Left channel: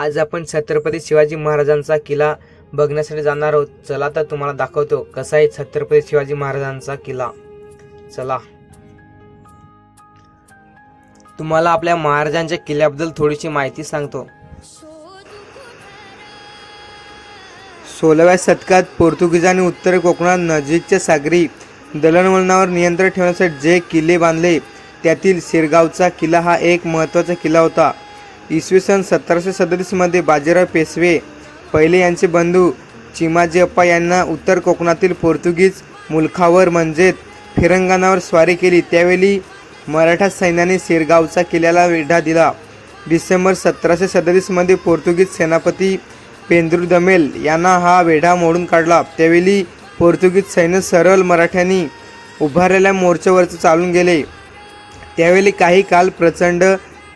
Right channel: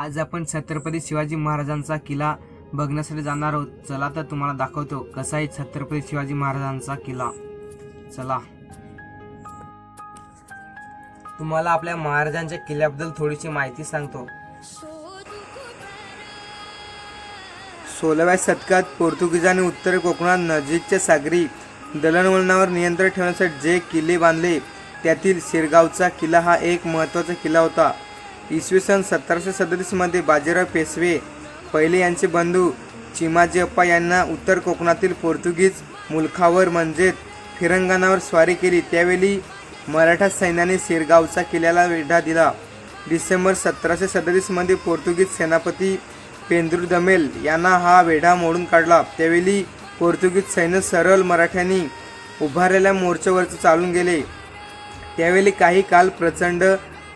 आज आपण छत्रपती शिवाजी महाराजांचा किल्ला बघण्यासाठी जाणार आहोत। चला तर तुम्हाला दाखवतो कसा आहे छत्रपती शिवाजी महाराजांचा किल्ला। चला तुम्हाला आपल्या महाराजांच्या किल्ल्याबद्दल थोडीशी माहिती सांगतो। 16व्या शतकात पोर्तुगीजांनी उत्तर कोकणात नजीकच्या सागरी दळणवळणावर नियंत्रण ठेवण्यासाठी जे किल्ले बांधले त्यातील शिरगावचा किल्ला हा एक महत्त्वाचा किल्ला होता। इसवी सन 1737 मध्ये बाजीराव पेशवे पहिले यांचे बंधू चिमाजी अप्पा यांना उत्तर कोकणातील पोर्तुगीज मुलखावर म्हणजेच फिरंगणावर स्वारी केली। त्यावेळी मराठा सैन्याने शिरगावचा किल्ल्याला वेढा दिला। डिसेंबर 1737 मध्ये पोर्तुगीज सेनापती पेंद्रू दमेल यांना हा वेढा मोडून काढला। त्यावेळी पोर्तुगीज सैन्य सरळ मराठ्यांनी उभारलेल्या मोर्चावरती चालून गेले। त्यावेळी काही काल प्रचंड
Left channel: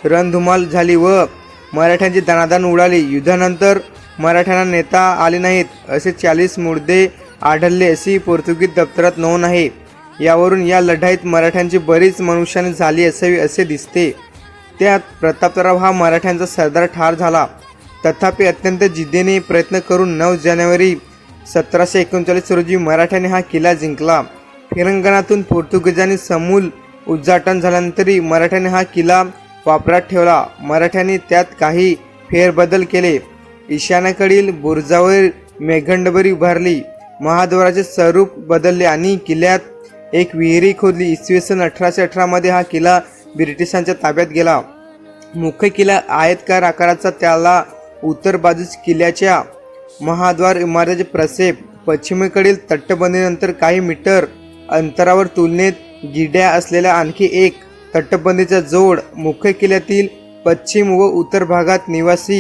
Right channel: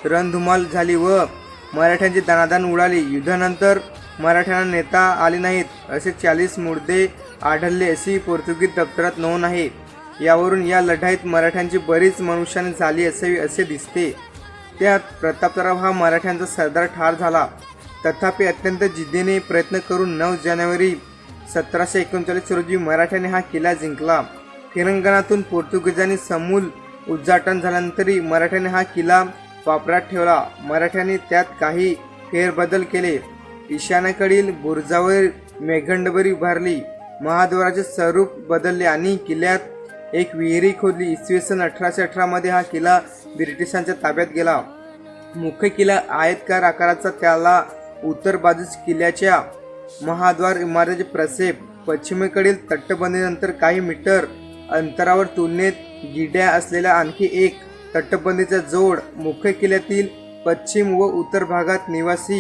रणधुमाळ झाली व मराठ्यांची दणादण उडाली। युद्धानंतर मराठ्यांना नेता आले नाहीत असे 40 मुर्दे आढळले अशी पोर्तुगीज दप्तरात नोंद आहे। यावरून या लढाईत मराठ्यांची बरीच मनुष्यहानी झाली असावी असे दिसते। त्यात प्रतापराव हा मराठ्यांचा सरदार ठार झाला। तथापि अत्यंत जिद्दीने प्रयत्न करून 9 जानेवारी 1739 रोजी मराठ्याने हा किल्ला जिंकला। फिरंगणातून पोर्तुगीजांनी समूल उच्चाटन झाल्यानंतरही मराठ्याने हा किल्ला वापरात ठेवला। मराठ्यांनी त्यात काही फेरबदल केले। ईशान्येकडील बुरुजावर मेघंडबरी उभारली, महाद्वाराचे स्वरूप बदलले आणि किल्ल्यात एक विहीर खोदली। इसवी सन 1818 मध्ये हा किल्ला ब्रिटिशांच्या ताब्यात गेला। मुख्य किल्ला आयताकार आकाराचा, त्याला उत्तर बाजूस किल्ल्याच्या महाद्वार इमारतीचे प्रक्षेप, पश्चिमेकडील तटबंदीनंतर काही मीटर अंतरावर तुलनेत गिड्या असलेल्या आणखी एक तटबंदीचा जोड, मुख्य किल्ल्यातील पश्चिम व उत्तर भागात निवासी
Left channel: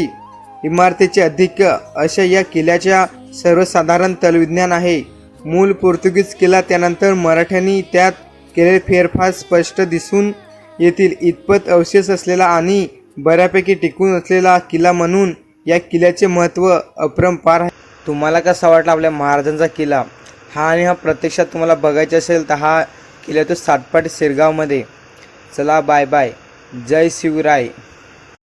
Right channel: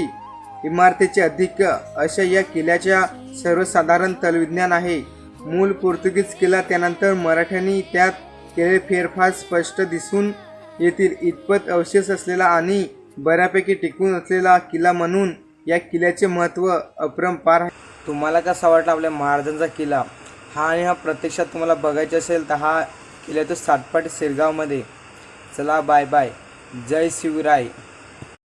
इमारतीचे अधिक्य अशा या किल्ल्याच्या सर्वसाधारण तलविज्ञान आहे। मूळ पोर्तुगीज किल्ला त्यानंतर मराठ्यांनी त्यात केलेले फेरफार स्पष्ट दिसून येतील इतपत अवशेष असलेला आणि बऱ्यापैकी टिकून असलेला किल्ला म्हणून या किल्ल्याचे महत्त्व अपरंपार आहे। तुम्हाला कसा वाटला आपल्या महाराजांचा किल्ला हा प्रत्यक्षात तुम्हाला बघायचा असेल तर हा किल्ला तो सातपाट शिरगावमध्ये। चला बाय बाय, जय शिवराय।